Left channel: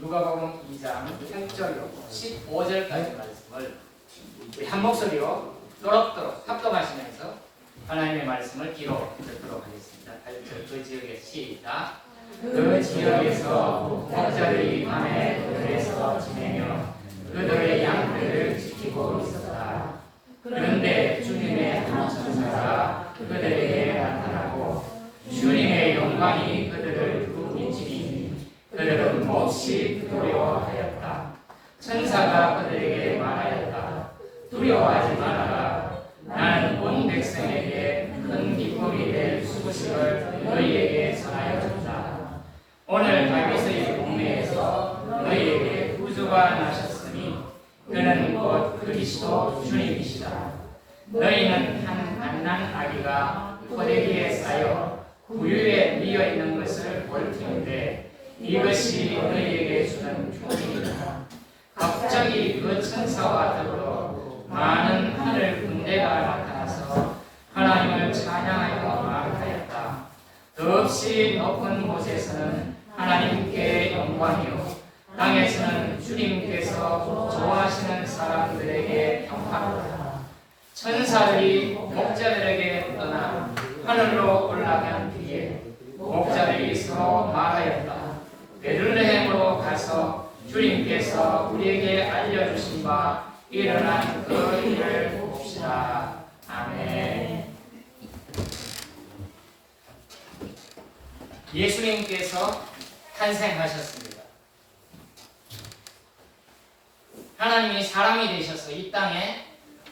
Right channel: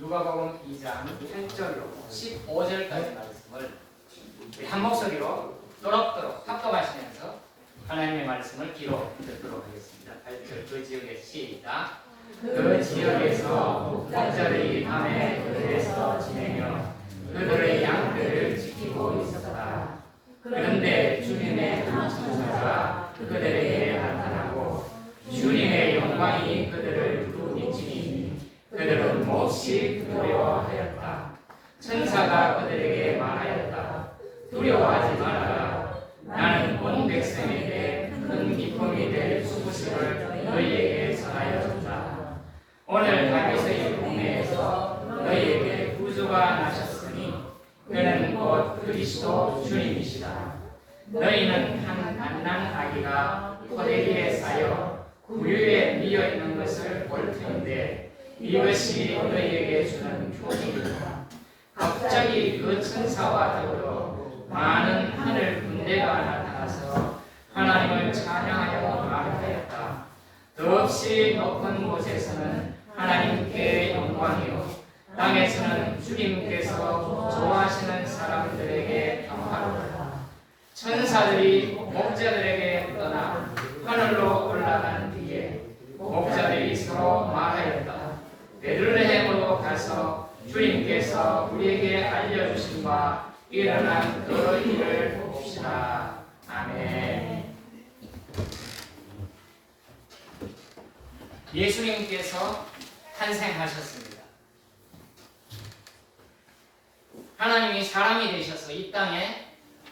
누가복음 2장 1절로 15절까지 말씀을 한 목소리로 또록또록 합독하시면서 하나님의 말씀을 기록 듣도록 하겠습니다. 8절 그 지역에 시작. 그 지역에서 목자들이 밤에 그들에서 지내며 그들의 양들을 지키고 있었다. 그런데 주님의 한 천사가 그들에게 나타나고 주님의 영광이 그들을 두루비치니 그들은 몹시 두려워하였다. 천사가 그들에게 말하였다. 두려워하지 말아라. 나는 온 백성에게 큰 기쁨이 될 소식을 너희에게 전하였다. 오늘 다윗의 동네에서 너희에게 구주가 나셨으니 그는 곧 그리스도 주님이시다. 너희는 한 갓난 아기가 포대기에 쌓여 구유에 미어 있는 것을 볼 텐데 이것이 너희에게 주는 표징이다. 갑자기 그 천사와 더불어 많은 하늘 군대가 나타나서 하나님을 찬양하여 말하였다. 더없이 높은 곳에서는 하나님께 영광이요 땅에서는 주님께서 좋아하시는 사람들에게 평화로다. 천사들이 목자들에게 떠나 하늘로 올라간 뒤에 목자들이 서로 말하였다. 베들레헴으로 가서 주님께서 우리에게 알려주신 바 일어난 그 일을 봅시다. 아멘. 예수님께서 탄생하셨습니다. 하나님이 사람이 되셔서 이 땅에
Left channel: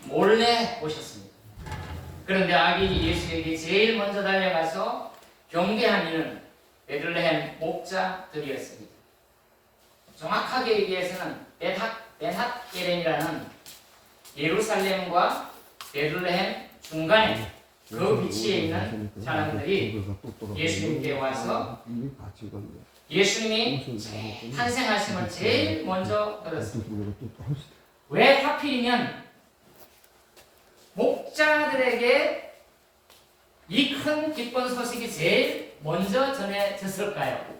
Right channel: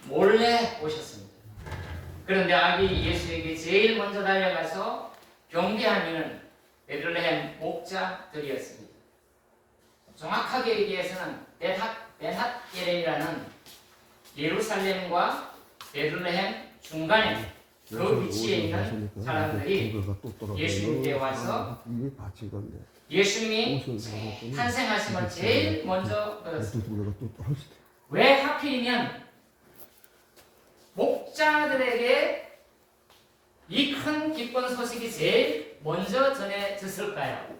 몰래 오셨습니다. 그런데 아기 예수에게 제일 먼저 달려가서 경배한 이는 베들레헴 목자들이었습니다. 정확하게 얘기해서는 베핫게렘이라는 예루살렘과 베들레헴 중간에 그 위치에 있는 사람들이 예수님께 와서 예수님이 탄생하심을 제일 먼저 들었습니다. 왜 하필이면 목자들에게 이 큰 기쁜 소식이 제일 먼저 전해졌을까요?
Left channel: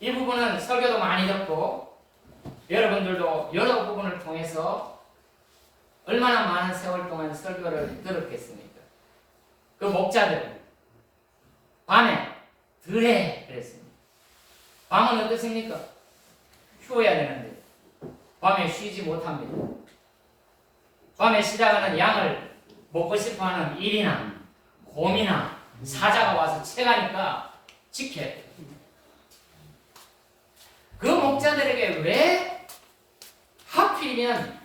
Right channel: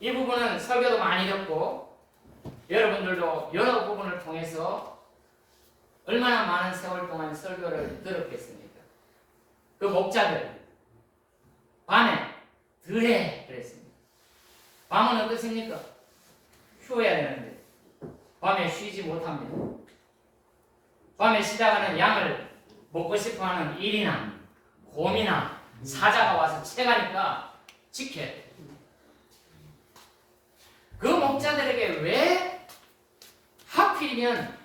이 부분은 설교도 많이 듣고 여러분들도 여러 부분을 통해서 얼마나 많은 세월 동안 설교를 들었겠습니까? 그 목자들 밤에 들에 그랬습니다. 밤은 어떻습니까? 쉬어야 되는데 밤에 쉬지 못합니다. 밤에 쉬다가는 양을 먹고 싶어하는 일이나 곰이나 사자가 와서 채가니까 지켜야 돼요. 그 목자들에게 왜 하필이면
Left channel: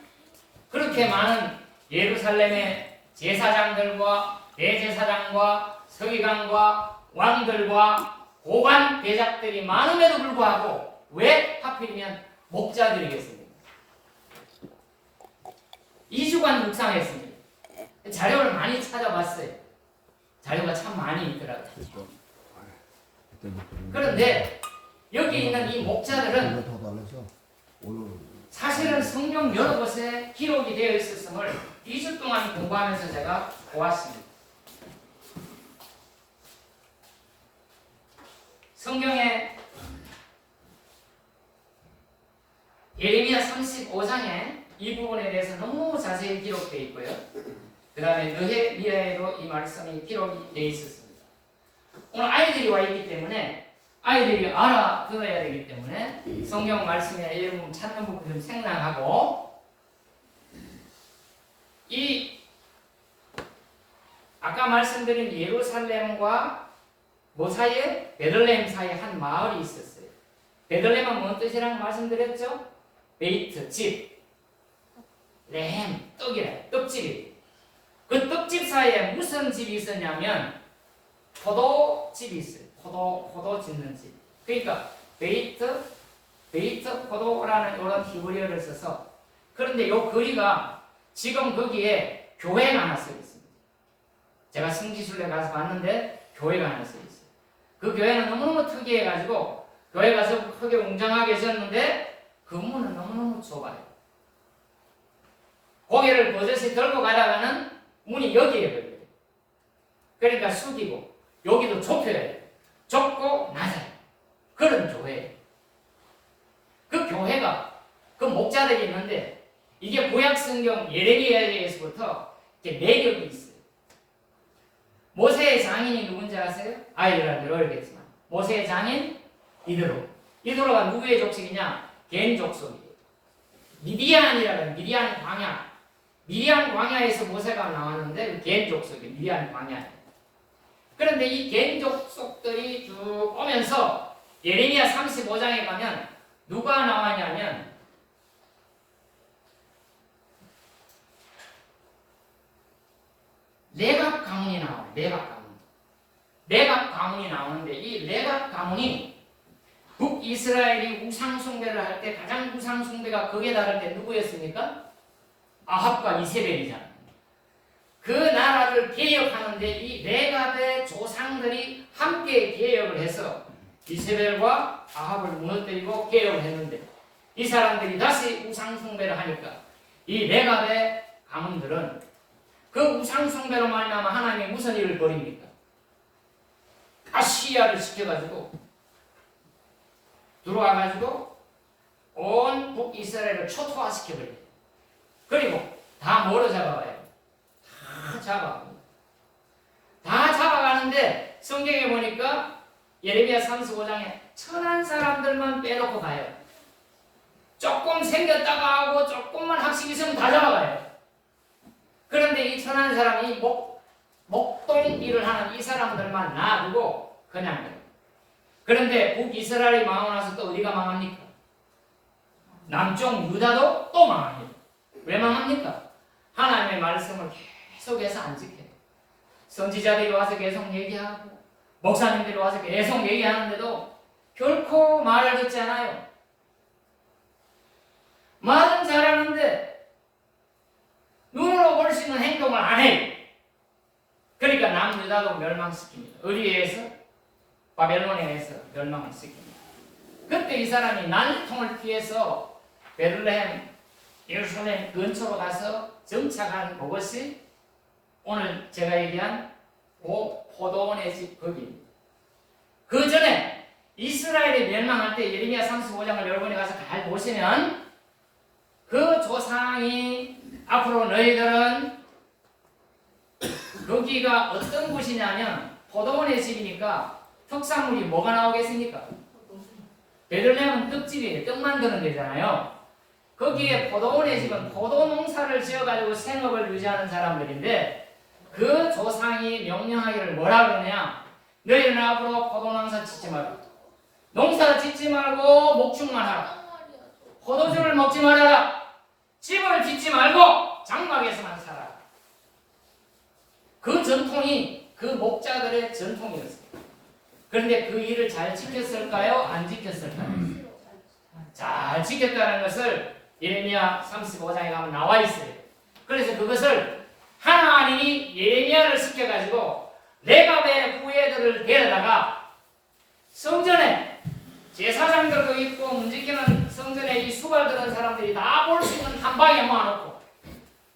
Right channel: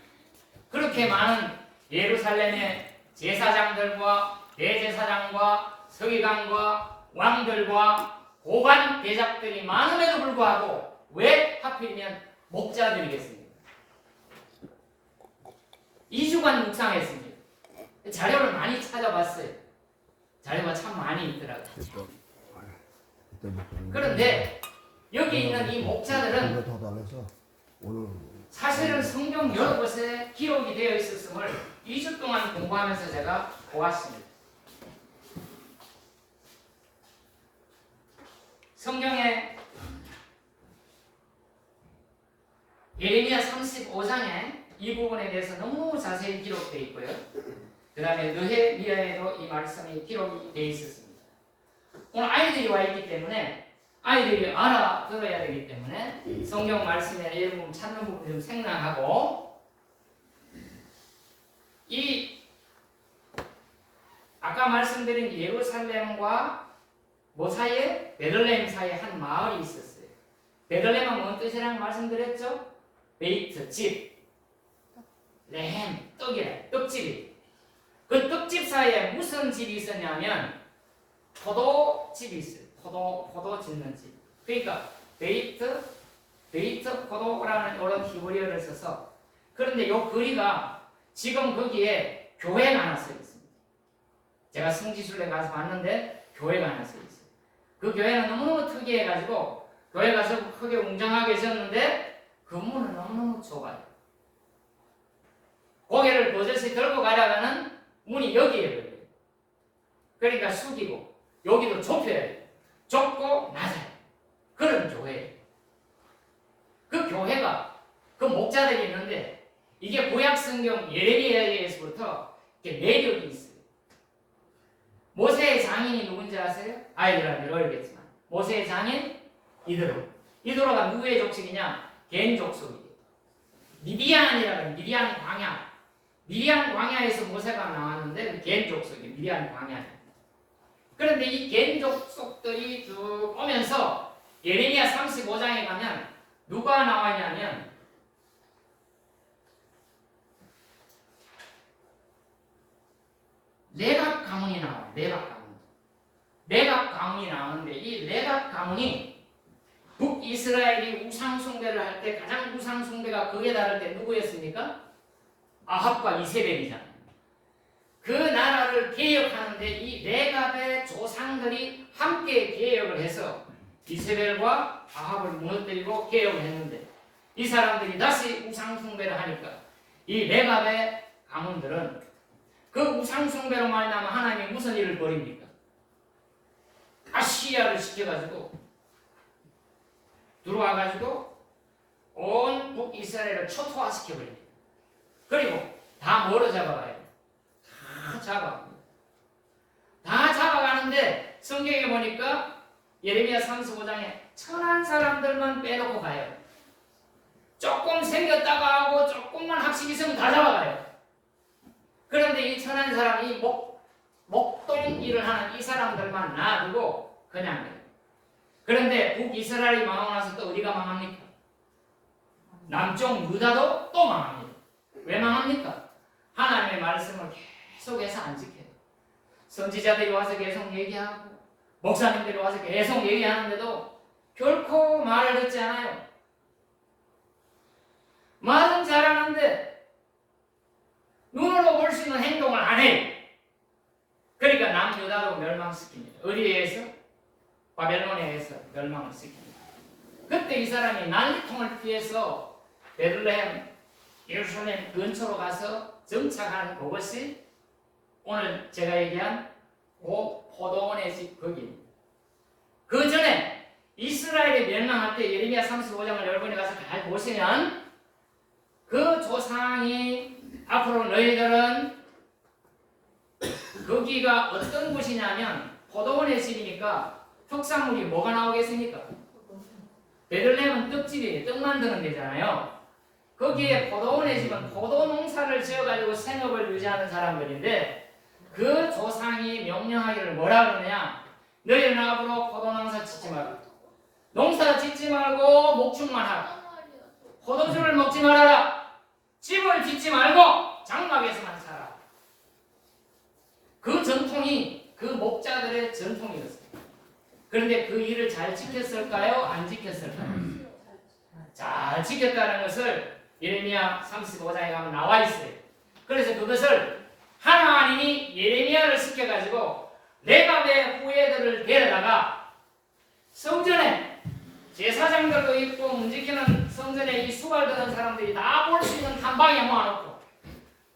그렇게 많은 예루살렘의 제사장들과 대제사장과 서기관과 왕들과 고관 대작들이 많음에도 불구하고 왜 하필이면 목자들이겠습니까? 2주간 묵상했습니다. 자료를 많이 찾아봤어요. 자료가 참 많이 있더라고요. 그런데 여기 있는 이 목자들은 사실은 성경 여러 곳에 기록이 되어 있었음을 2주 동안 공부하면서 제가 보았습니다. 성경에 예레미야 35장에 이 부분에 대해서 너무 자세히 기록되어 있고요. 그 다음에 느헤미야에도 이 말씀이 기록이 되어 있었습니다. 오늘 아이들이 와 있기 때문에 아이들이 알아들어야 되기 때문에 성경 말씀에 이 부분 찾는 부분 좀 생략하고 이 아까 말씀드린 예루살렘과 뭐 사이에? 베들레헴 사이에 한 마을이 있었어요. 베들레헴은 뭔 뜻이라는 말씀드렸죠? 베이트, 집. 레헴, 떡이래. 떡집이. 그 떡집 사이에 무슨 집이 있었냐면 포도집이 있어요. 포도 짓는 집. 그러니까 베이트 포도라는 이런 히브리어를 써서 그런데 이 거리가 지금 거기에 교회가 하나 써 있습니다. 제가 성지순례 가서 봤는데 교회가 하나 써 있어요. 그 교회는 너무너무 특이해가지고 교회 가서 크게 웅장하게 있었는데 건물은 너무너무 좁아요. 고개를 버젓이 들고 가다가는 문이 여기에 걸려요. 그러니까 숙이고 여기도 좁혀야 돼요. 좁고 낮아요. 그런 교회예요. 역사들이 있는데 이게 구약 성경 예레미야에서부터 이렇게 매력이 있어요. 모세의 장인이 누군지 아세요? 아이들한테 알겠지만 모세의 장인 이드로. 이드로가 누구의 족속이냐? 겐 족속이에요. 미디안이라는 미디안 광야. 미디안 광야에서 모세가 나왔는데 겐 족속이에요. 미디안 광야. 그런데 이 겐 족속들이 쭉 오면서 예레미야 35장에 가면 누가 나왔냐면 레갑 가문이 나와요. 레갑 가문. 레갑 가문이 나오는데 이 레갑 가문이 북이스라엘이 우상숭배를 할 때 가장 우상숭배가 극에 달할 때 누구였습니까? 아합과 이세벨이잖아요. 그 나라를 개혁하는데 이 레갑의 조상들이 함께 개혁을 해서 이세벨과 아합을 무너뜨리고 개혁을 했는데 이 사람들이 다시 우상숭배를 하니까 이 레갑의 가문들은 그 우상숭배로 말미암아 하나님이 무슨 일을 벌입니까? 아시아를 시켜가지고 들어와가지고 온 북이스라엘을 초토화시켜버립니다. 그리고 다 뭐로 잡아가요? 다 잡아갑니다. 다 잡아가는데 성경에 보니까 예레미야 35장에 천한 사람들만 빼놓고 가요. 조금 생겼다가 하고 조금만 학식 있으면 다 잡아가요. 그런데 이 천한 사람이 목동 일을 하는 이 사람들만 놔두고 그냥 해요. 그런데 북이스라엘이 망하고 나서 또 어디가 망합니까? 남쪽 유다도 또 망합니다. 왜 망합니까? 하나님의 말씀을 계속해서 안 지켜요. 선지자들이 와서 계속 얘기하고 목사님들이 와서 계속 얘기하는데도 결코 말을 듣지 않아요. 말은 잘하는데 눈으로 볼 수 있는 행동을 안 해요. 그러니까 남유다도 멸망시킵니다. 어디에서? 바벨론에서 멸망을 시킵니다. 그때 이 사람이 난통을 피해서 베들레헴, 예루살렘 근처로 가서 정착한 그것이 오늘 제가 얘기한 포도원의 집 거기입니다. 그 전에 이스라엘이 멸망할 때 예레미야 35장을 여러분이 가서 잘 보시면 그 조상이 앞으로 너희들은 거기가 어떤 곳이냐면 포도원의 집이니까 특산물이 뭐가 나오겠습니까? 베들레헴은 떡집이에요. 떡 만드는 데잖아요. 거기에 포도원의 집은 포도 농사를 지어가지고 생업을 유지하는 사람들인데 그 조상이 명령하기를 뭐라 그러냐? 너희는 앞으로 포도 농사 짓지 말고 농사 짓지 말고 목축만 하라. 포도주를 먹지 말아라. 집을 짓지 말고 장막에서만 살아. 그 전통이 그 목자들의 전통이었어요. 그런데 그 일을 잘 지켰을까요? 안 지켰을까요? 잘 지켰다는 것을 예레미야 35장에 가면 나와 있어요. 그래서 그것을 하나님이 예레미야를 시켜가지고 레갑의 후예들을 데려다가 성전에 제사장들도 있고 문지기는 성전에 이 수발 드는 사람들이 다 볼 수 있는 한 방에 모아놓고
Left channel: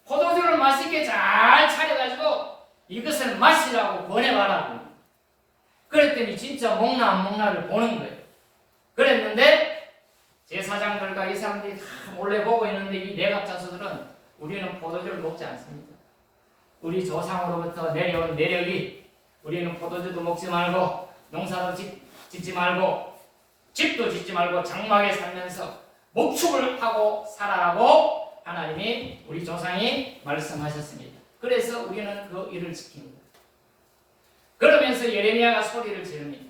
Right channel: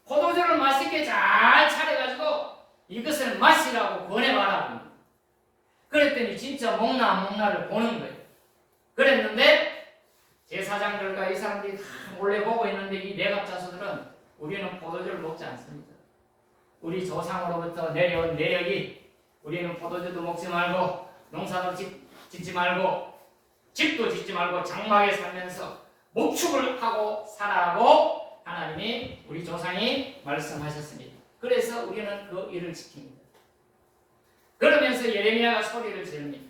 포도주를 맛있게 잘 차려가지고 이것을 마시라고 권해봐라. 그랬더니 진짜 먹나 안 먹나를 보는 거예요. 그랬는데 제사장들과 이 사람들이 다 몰래 보고 있는데 이 레갑 자손들은 우리는 포도주를 먹지 않습니다. 우리 조상으로부터 내려온 내력이 우리는 포도주도 먹지 말고 농사도 짓지 말고 집도 짓지 말고 장막에 살면서 목축을 하고 살아라고 하나님이 우리 조상이 말씀하셨습니다. 그래서 우리는 그 일을 지킵니다. 그러면서 예레미야가 소리를 지릅니다.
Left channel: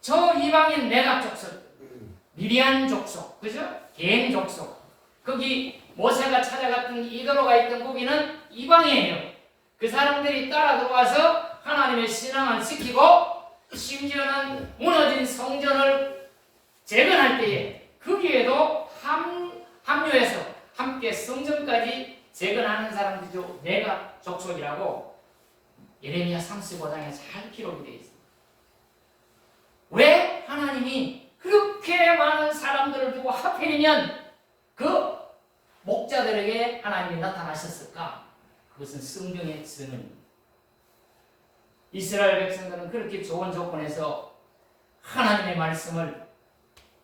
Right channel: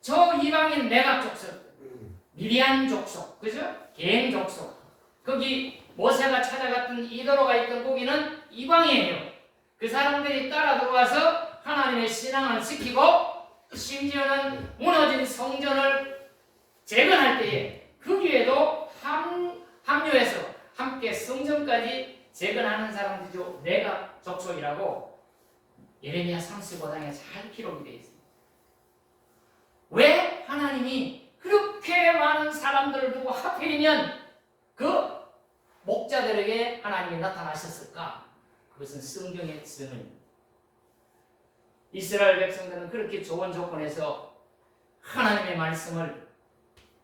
저 이방인 레갑 족속, 미디안 족속, 그죠? 겐 족속. 거기 모세가 찾아갔던 이도로가 있던 거기는 이방이에요. 그 사람들이 따라 들어와서 하나님의 신앙을 지키고 심지어는 무너진 성전을 재건할 때에 거기에도 합류해서 함께 성전까지 재건하는 사람들도 레갑 족속이라고 예레미야 35장에 잘 기록이 되어 있습니다. 왜 하나님이 그렇게 많은 사람들을 두고 하필이면 그 목자들에게 하나님이 나타나셨을까? 그것은 성경의 증언입니다. 이스라엘 백성들은 그렇게 좋은 조건에서 하나님의 말씀을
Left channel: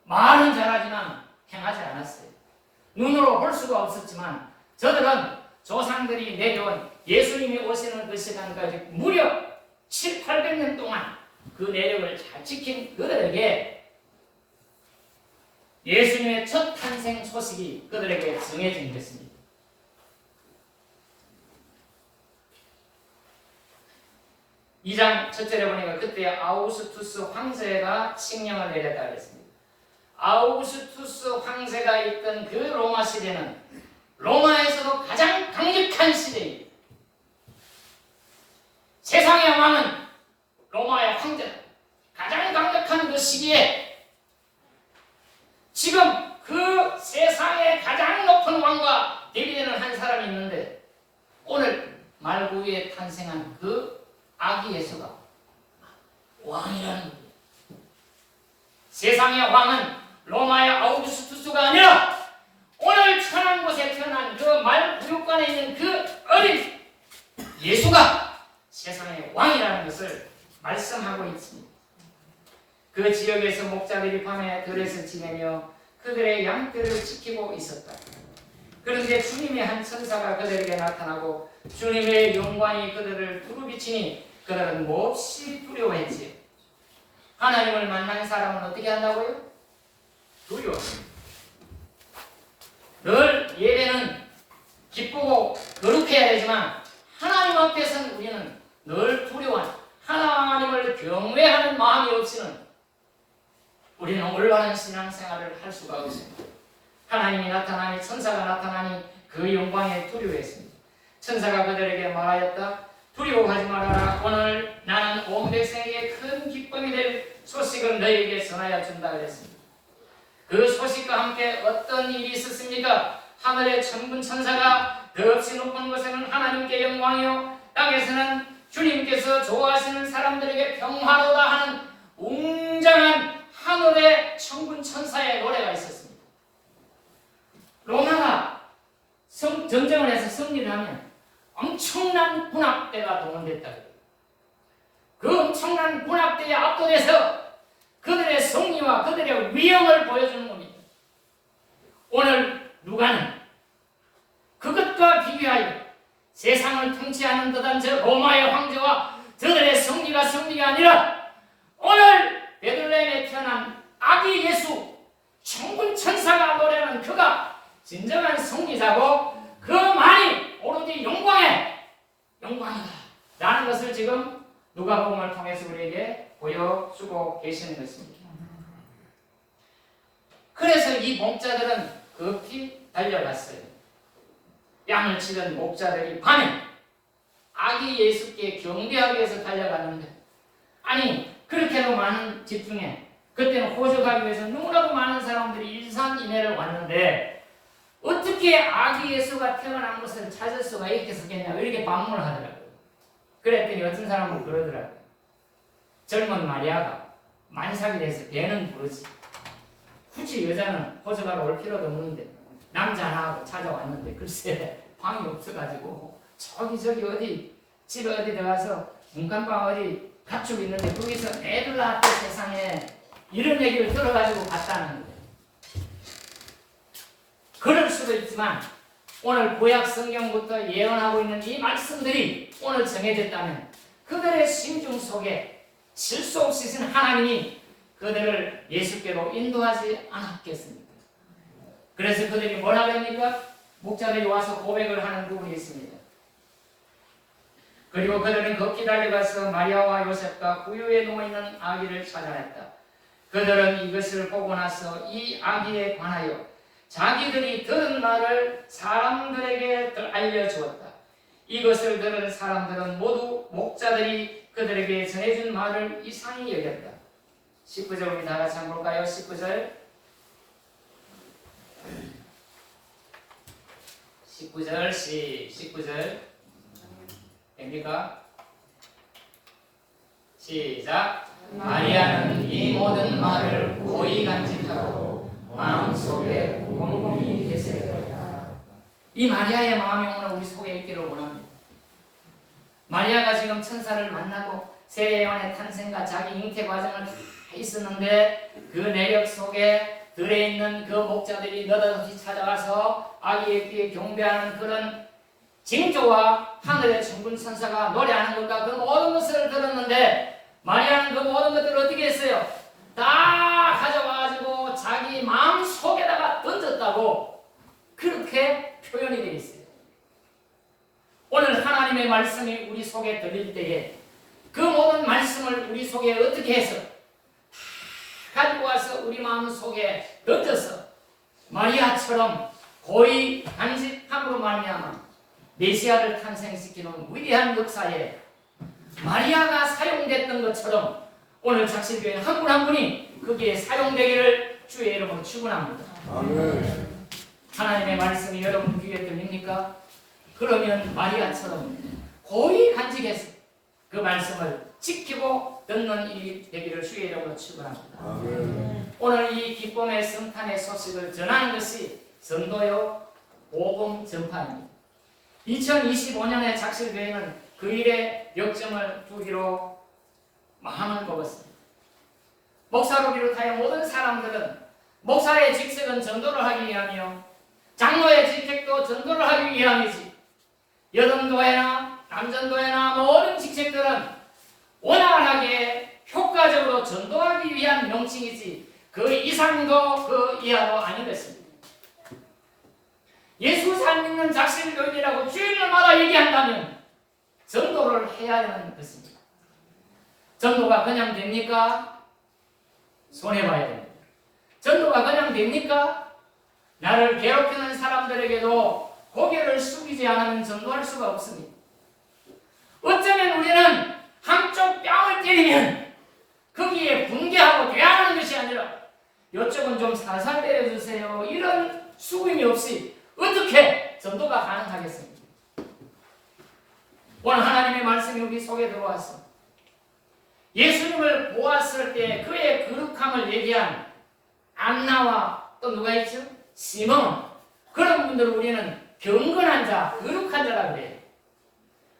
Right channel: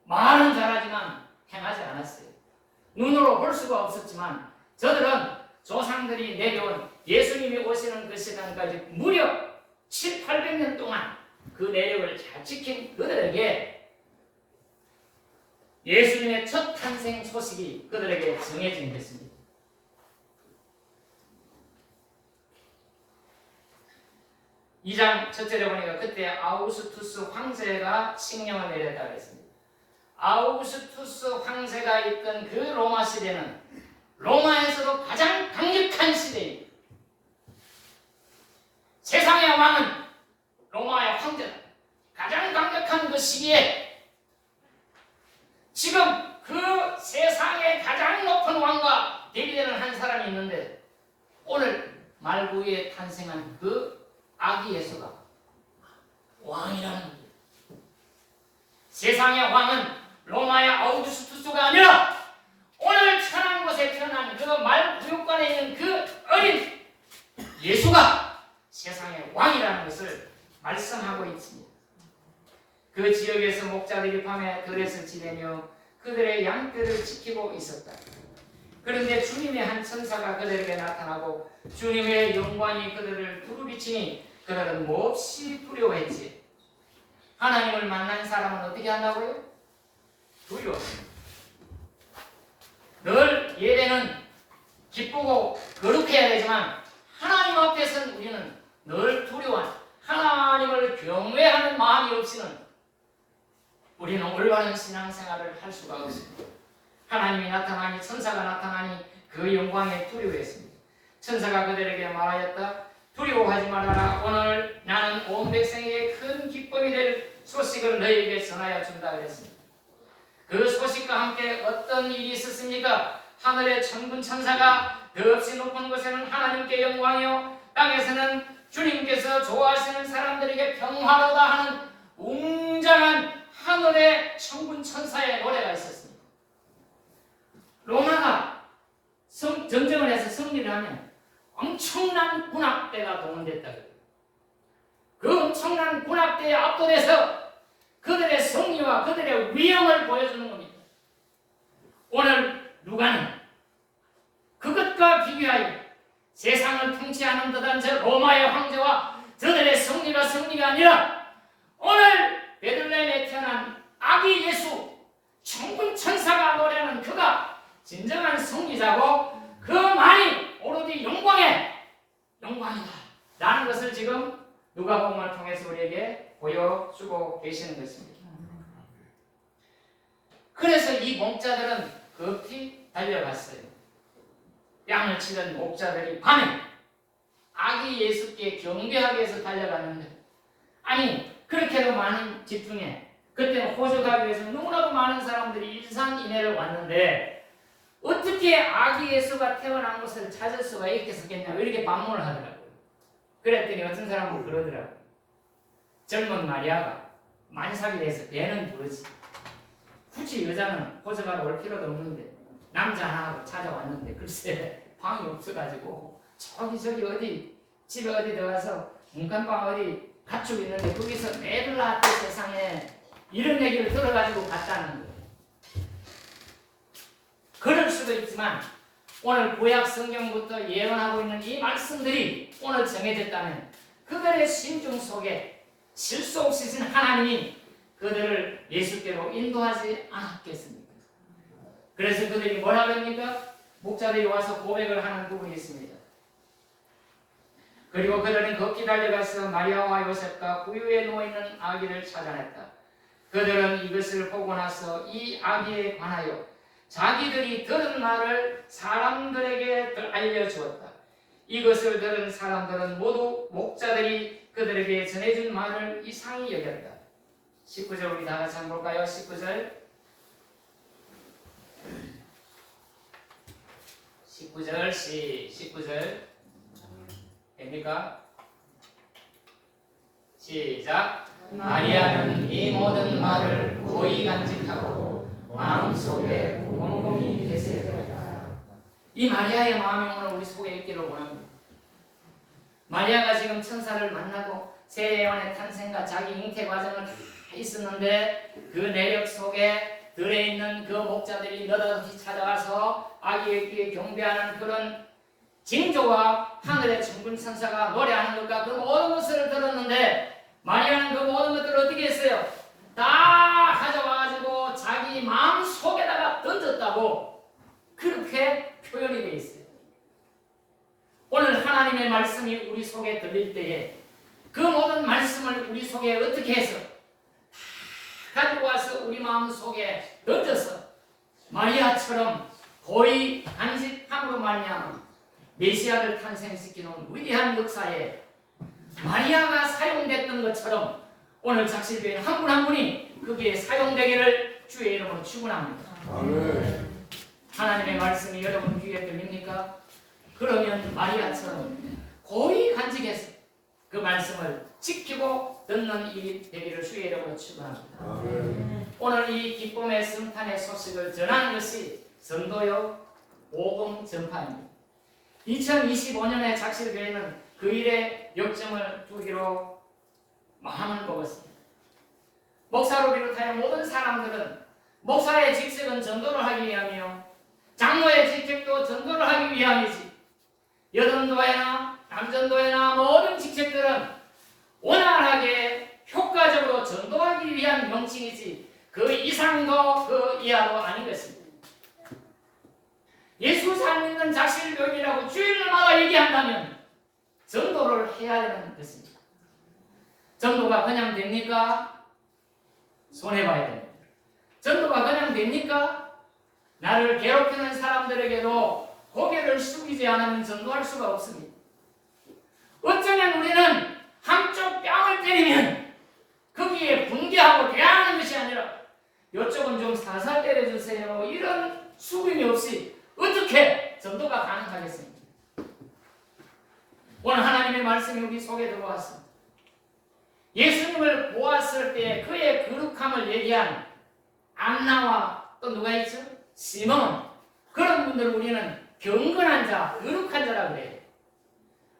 말은 잘하지만 행하지 않았어요. 눈으로 볼 수가 없었지만 저들은 조상들이 내려온 예수님이 오시는 그 시간까지 무려 7, 800년 동안 그 내력을 잘 지킨 그들에게 예수님의 첫 탄생 소식이 그들에게 정해진 것입니다. 이 장 첫절에 보니까 그때 아우구스투스 황제가 칙령을 내렸다 그랬습니다. 아우구스투스 황제가 있던 그 로마 시대는 로마에서도 가장 강력한 시대입니다. 세상의 왕은 로마의 황제다. 가장 강력한 그 시기에 지금 그 세상의 가장 높은 왕과 대비되는 한 사람이 있는데 오늘 말구 위에 탄생한 그 아기 예수가 왕이라는 겁니다. 세상의 왕은 로마의 아우구스투스가 아니라 오늘 천한 곳에 태어난 그 말구육관에 있는 그 어린 예수가 세상의 왕이라는 것을 말씀하고 있습니다. 그 지역에서 목자들이 밤에 들에서 지내며 그들의 양떼를 지키고 있었다. 그런데 주님의 한 천사가 그들에게 나타나고 주님의 영광이 그들을 두루비치니 그들은 몹시 두려워했지. 하나님을 만난 사람은 어떻게 한다고요? 두려워. 늘 예배는 기쁘고 거룩해야 되지만 하나님 앞에서는 우리는 늘 두려워한 하나님을 경외하는 마음이 없이는 우리는 올바른 신앙생활을 할 수가 없습니다. 하나님이 나타나니 천사가 나타나니 그 영광에 두려워했습니다. 천사가 그들에게 말하였다. 두려워하지 말아라. 오늘 나는 온 백성에게 큰 기쁨이 될 소식을 너희에게 전하여 준다 그랬습니다. 그 소식과 함께 어떤 일이 있었습니까? 하늘의 천군 천사가 더없이 높은 곳에는 하나님께 영광이요 땅에서는 주님께서 좋아하시는 사람들에게 평화로다 하는 웅장한 하늘의 천군 천사의 노래가 있었습니다. 로마가 전쟁을 해서 승리를 하면 엄청난 군악대가 동원됐다. 그 엄청난 군악대에 압도돼서 그들의 승리와 그들의 위엄을 보여주는 겁니다. 오늘 누가는 그것과 비교하여 세상을 통치하는 듯한 저 로마의 황제와 저들의 승리가 아니라 오늘 베들레헴에 태어난 아기 예수 천군 천사가 노래하는 그가 진정한 승리자고 그 말이 오로지 영광이다 라는 것을 지금 누가복음을 통해서 우리에게 보여주고 계시는 것입니다. 그래서 이 목자들은 급히 달려갔어요. 양을 치던 목자들이 밤에 아기 예수께 경배하기 위해서 달려갔는데 아니 그렇게도 많은 집중에 그때는 호적하기 위해서 너무나도 많은 사람들이 일산이내를 왔는데 어떻게 아기 예수가 태어난 것을 찾을 수가 있겠었겠냐 이렇게 반문을 하더라고요. 그랬더니 어떤 사람은 그러더라고요. 젊은 마리아가 만삭이 돼서 배는 부르지 굳이 여자는 호적하러 올 필요도 없는데 남자 하나하고 찾아왔는데 글쎄 방이 없어가지고 저기 어디 집에 어디 들어가서 문간방 어디 가축이 있는데 거기서 애들 낳았대 세상에 이런 얘기를 들어가지고 갔다는 거예요. 그럴 수도 있지만 오늘 구약 성경부터 예언하고 있는 이 말씀들이 오늘 정해졌다면 그들의 심중 속에 실수 없이 신 하나님이 그들을 예수께로 인도하지 않았겠습니까? 그래서 그들이 뭐라고 합니까? 목자들이 와서 고백을 하는 부분이 있습니다. 그리고 그들은 급히 달려가서 마리아와 요셉과 구유에 누워있는 아기를 찾아냈다. 그들은 이것을 보고 나서 이 아기에 관하여 자기들이 들은 말을 사람들에게 알려주었다. 이것을 들은 사람들은 모두 목자들이 그들에게 전해준 말을 이상히 여겼다. 19절 우리 다 같이 한번 볼까요? 19절 19절 됩니까? 시작. 마리아는 이 모든 말을 고이 간직하고 마음속에 곰곰이 계세요. 이 마리아의 마음이 오늘 우리 속에 있기를 원합니다. 마리아가 지금 천사를 만나고 세례요한의 탄생과 자기 잉태 과정을 다 있었는데 그 내력 속에 들에 있는 그 목자들이 느닷없이 찾아와서 아기의 귀에 경배하는 그런 징조와 하늘의 천군 천사가 노래하는 것과 그 모든 것을 들었는데 마리아는 그 모든 것들을 어떻게 했어요? 다 가져와가지고 자기 마음 속에다가 던졌다고 그렇게 표현이 되어 있어요. 오늘 하나님의 말씀이 우리 속에 들릴 때에 그 모든 말씀을 우리 속에 어떻게 해서 다 가지고 와서 우리 마음 속에 던져서 마리아처럼 고이 간직함으로 말미암아 메시아를 탄생시키는 위대한 역사에 마리아가 사용됐던 것처럼 오늘 작실교회는 한 분 한 분이 거기에 사용되기를 주의 이름으로 축원합니다. 아멘. 하나님의 말씀이 여러분 귀에 들립니까? 그러면 마리아처럼 고이 간직해서 그 말씀을 지키고 듣는 일이 되기를 주의 이름으로 축원합니다. 아멘. 오늘 이 기쁨의 성탄의 소식을 전하는 것이 전도요 복음 전파입니다. 2025년의 작실교회는 그 일에 역점을 두기로 마음을 먹었습니다. 목사로 비롯하여 모든 사람들은 목사의 직책은 전도를 하기 위함이요 장로의 직책도 전도를 하기 위함이지 여든도회나 남전도회나 모든 직책들은 원활하게 효과적으로 전도하기 위한 명칭이지 그 이상도 그 이하도 아닌 것입니다. 예수 잘 믿는 작실교인이라고 주일날마다 얘기한다면 전도를 해야 하는 것입니다. 전도가 그냥 됩니까? 손해봐야 됩니다. 전도가 그냥 됩니까? 나를 괴롭히는 사람들에게도 고개를 숙이지 않으면 전도할 수가 없습니다. 어쩌면 우리는 한쪽 뺨을 때리면 거기에 분개하고 대하는 것이 아니라 이쪽은 좀 살살 때려주세요. 이런 수긍이 없이 어떻게 전도가 가능하겠습니까? 오늘 하나님의 말씀이 우리 속에 들어왔어. 예수님을 보았을 때 그의 거룩함을 얘기한 안나와 또 누가 있죠? 시몬. 그런 분들을 우리는 경건한 자, 거룩한 자라고 그래요.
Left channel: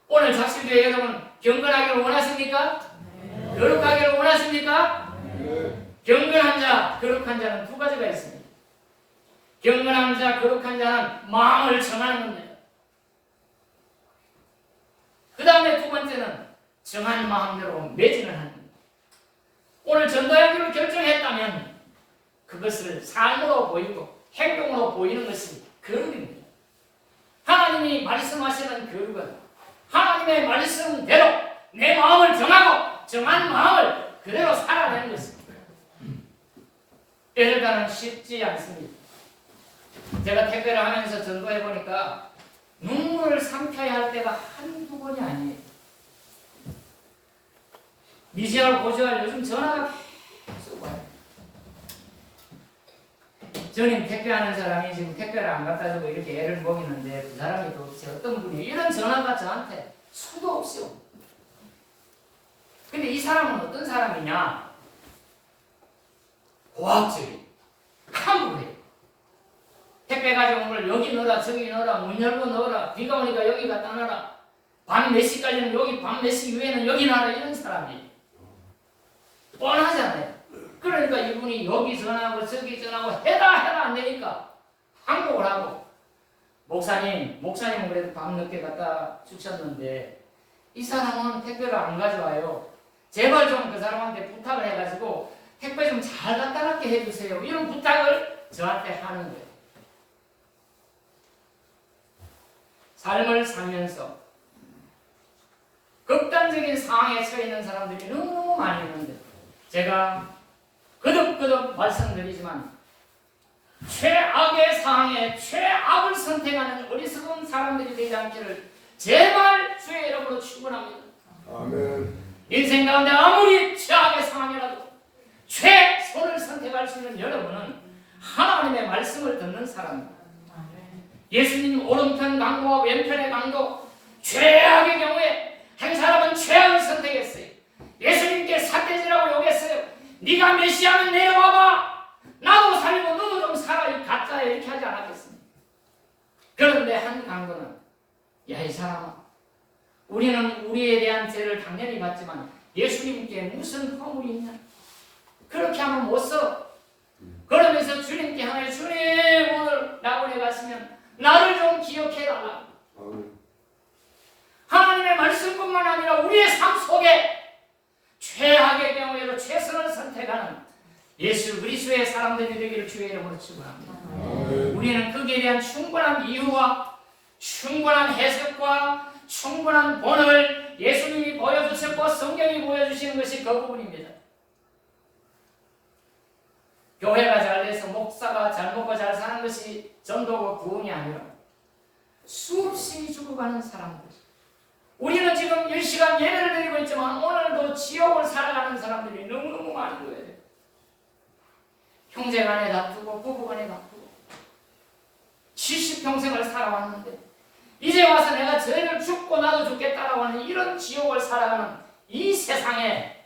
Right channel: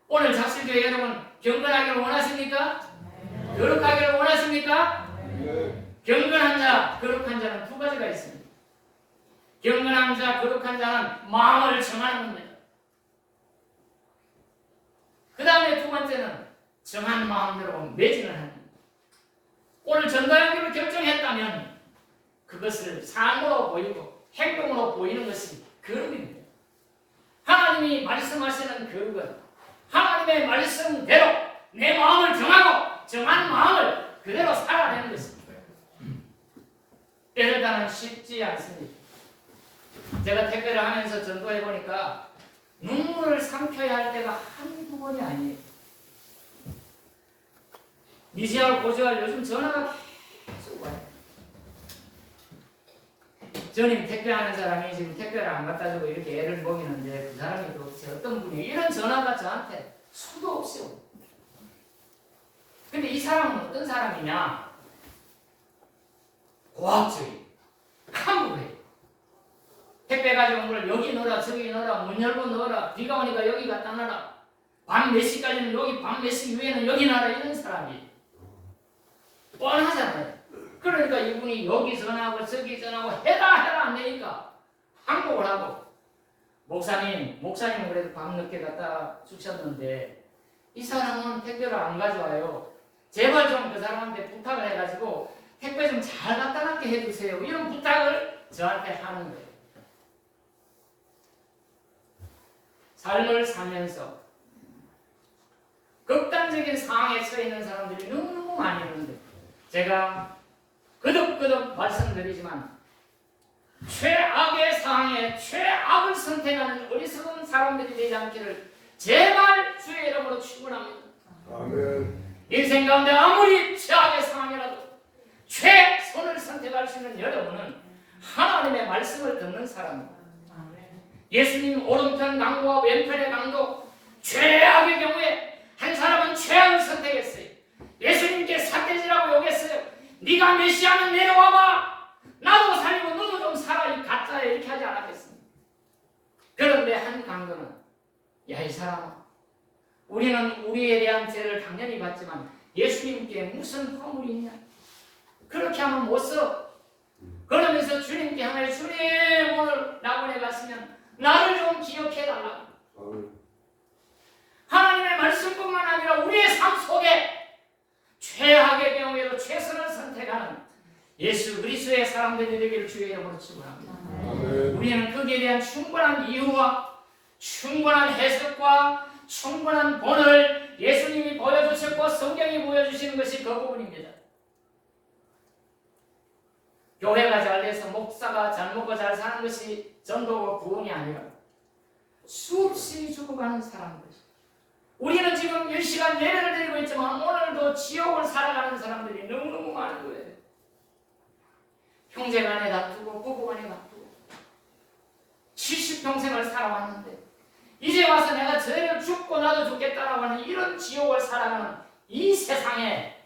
오늘 작실교회 여러분 경건하기를 원하십니까? 거룩하기를 원하십니까? 경건한 자, 거룩한 자는 두 가지가 있습니다. 경건한 자, 거룩한 자는 마음을 정하는 겁니다. 그 다음에 두 번째는 정한 마음대로 매진을 하는 겁니다. 오늘 전도하기로 결정했다면 그것을 삶으로 보이고 행동으로 보이는 것이 거룩입니다. 하나님이 말씀하시는 거룩은 하나님의 말씀대로 내 마음을 정하고 정한 마음을 그대로 살아내는 것입니다. 때로는 쉽지 않습니다. 제가 택배를 하면서 전도해 보니까 눈물을 삼켜야 할 때가 한두 번이 아니에요. 미시알 고시알 요즘 전화가 계속 와요. 저님 택배하는 사람이 지금 택배를 안 갖다 주고 이렇게 애를 먹이는데 그 사람이 도대체 어떤 분이 이런 전화가 저한테 수도 없이 옵니다. 근데 이 사람은 어떤 사람이냐? 고압적인 캄브해. 택배 가져온 걸 여기 넣어라 저기 넣어라 문 열고 넣어라 비가 오니까 여기 갖다 놔라 밤 몇 시까지는 여기 밤 몇 시 이후에는 여기 놔라 이런 사람이 뻔하잖아요. 그러니까 이분이 여기 전화하고 저기 전화하고 해라 안 되니까 항복을 하고 목사님은 그래도 밤 늦게 갖다 주셨는데 이 사람은 택배를 안 가져와요. 제발 좀 그 사람한테 부탁을 해가지고 택배 좀 잘 갖다 놨게 해주세요. 이런 부탁을 저한테 하는 거예요. 삶을 살면서 극단적인 상황에 처해 있는 사람들이 너무 많이 있는데 제가 거듭거듭 말씀드리지만 최악의 상황에 최악을 선택하는 어리석은 사람들이 되지 않기를 제발 주의 이름으로 축원합니다. 아멘. 인생 가운데 아무리 최악의 상황이라도 최선을 선택할 수 있는 여러분은 하나님의 말씀을 듣는 사람입니다. 예수님 오른편 강도와 왼편의 강도 최악의 경우에 한 사람은 최악을 선택했어요. 예수님께 삿대질하고 욕했어요. 네가 메시아면 내려와봐. 나도 살고 너도 좀 살아. 이 가짜야 이렇게 하지 않았겠습니까? 그런데 한 강도는 야 이 사람아 우리는 우리에 대한 죄를 당연히 받지만 예수님께 무슨 허물이 있냐? 그렇게 하면 못 써. 그러면서 주님께 향해 주님 오늘 낙원에 갔으면 나를 좀 기억해달라. 하나님의 말씀뿐만 아니라 우리의 삶 속에 최악의 경우에도 최선을 선택하는 예수 그리스도의 사람들이 되기를 주의 이름으로 축원합니다. 우리는 거기에 대한 충분한 이유와 충분한 해석과 충분한 본을 예수님이 보여주셨고 성경이 보여주시는 것이 그 부분입니다. 교회가 잘 돼서 목사가 잘 먹고 잘 사는 것이 전도고 구원이 아니라 수없이 죽어가는 사람들. 우리는 지금 10시간 예배를 드리고 있지만 오늘도 지옥을 살아가는 사람들이 너무너무 많은 거예요. 형제간에 다투고 부부간에 다투고 70평생을 살아왔는데 이제 와서 내가 저를 죽고 나도 죽겠다라고 하는 이런 지옥을 살아가는 이 세상에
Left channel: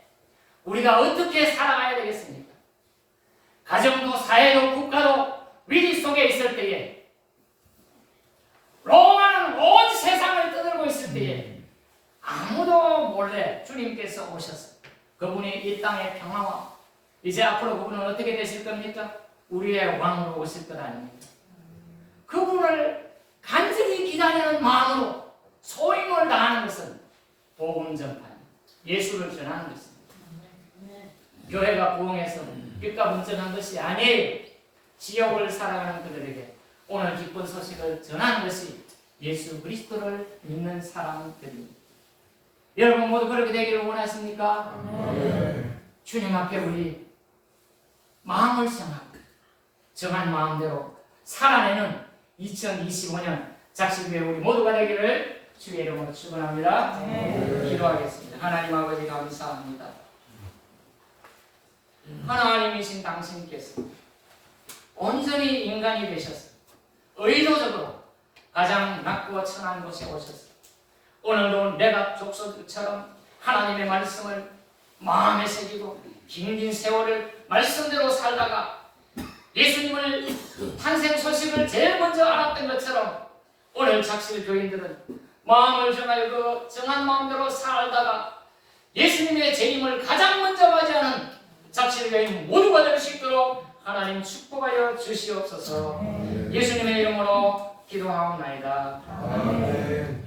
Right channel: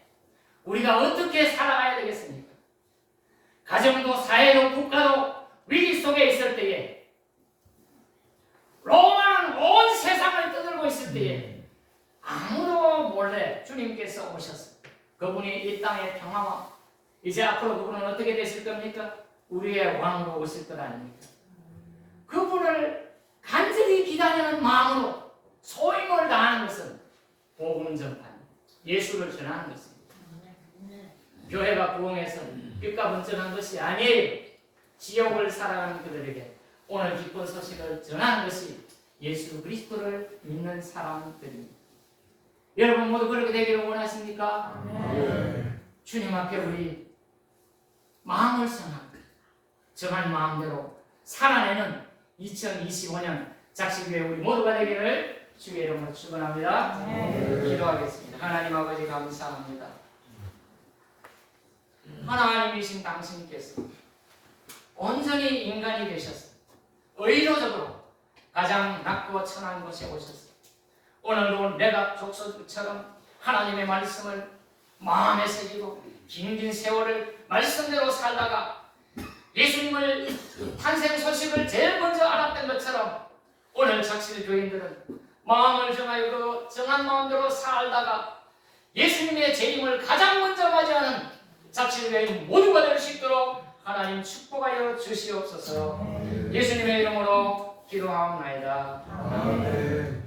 우리가 어떻게 살아가야 되겠습니까? 가정도 사회도 국가도 위기 속에 있을 때에 로마는 온 세상을 떠들고 있을 때에 아무도 몰래 주님께서 오셨어요. 그분이 이 땅의 평화와 이제 앞으로 그분은 어떻게 되실 겁니까? 우리의 왕으로 오실 것 아닙니까? 그분을 간절히 기다리는 마음으로 소임을 다하는 것은 복음 전파입니다. 예수를 전하는 것입니다. 교회가 부흥해서 빛과 번쩍한 것이 아니에요. 지옥을 살아가는 그들에게 오늘 기쁜 소식을 전하는 것이 예수 그리스도를 믿는 사람들입니다. 여러분 모두 그렇게 되기를 원하십니까? 주님 앞에 우리 마음을 정하고 정한 마음대로 살아내는 2025년 작심교회 우리 모두가 되기를 주의 이름으로 축원합니다. 기도하겠습니다. 하나님 아버지 감사합니다. 하나님이신 당신께서 온전히 인간이 되셨습니다. 의도적으로 가장 낮고 천한 곳에 오셨습니다. 오늘도 내가 족속처럼 하나님의 말씀을 마음에 새기고 긴 세월을 말씀대로 살다가 예수님을 탄생 소식을 제일 먼저 알았던 것처럼 오늘 작실 교인들은 마음을 정하여 그 정한 마음대로 살다가 예수님의 재림을 가장 먼저 맞이하는 작실 교인 모두가 될 수 있도록 하나님 축복하여 주시옵소서. 예수님의 이름으로 기도하옵나이다. 아멘.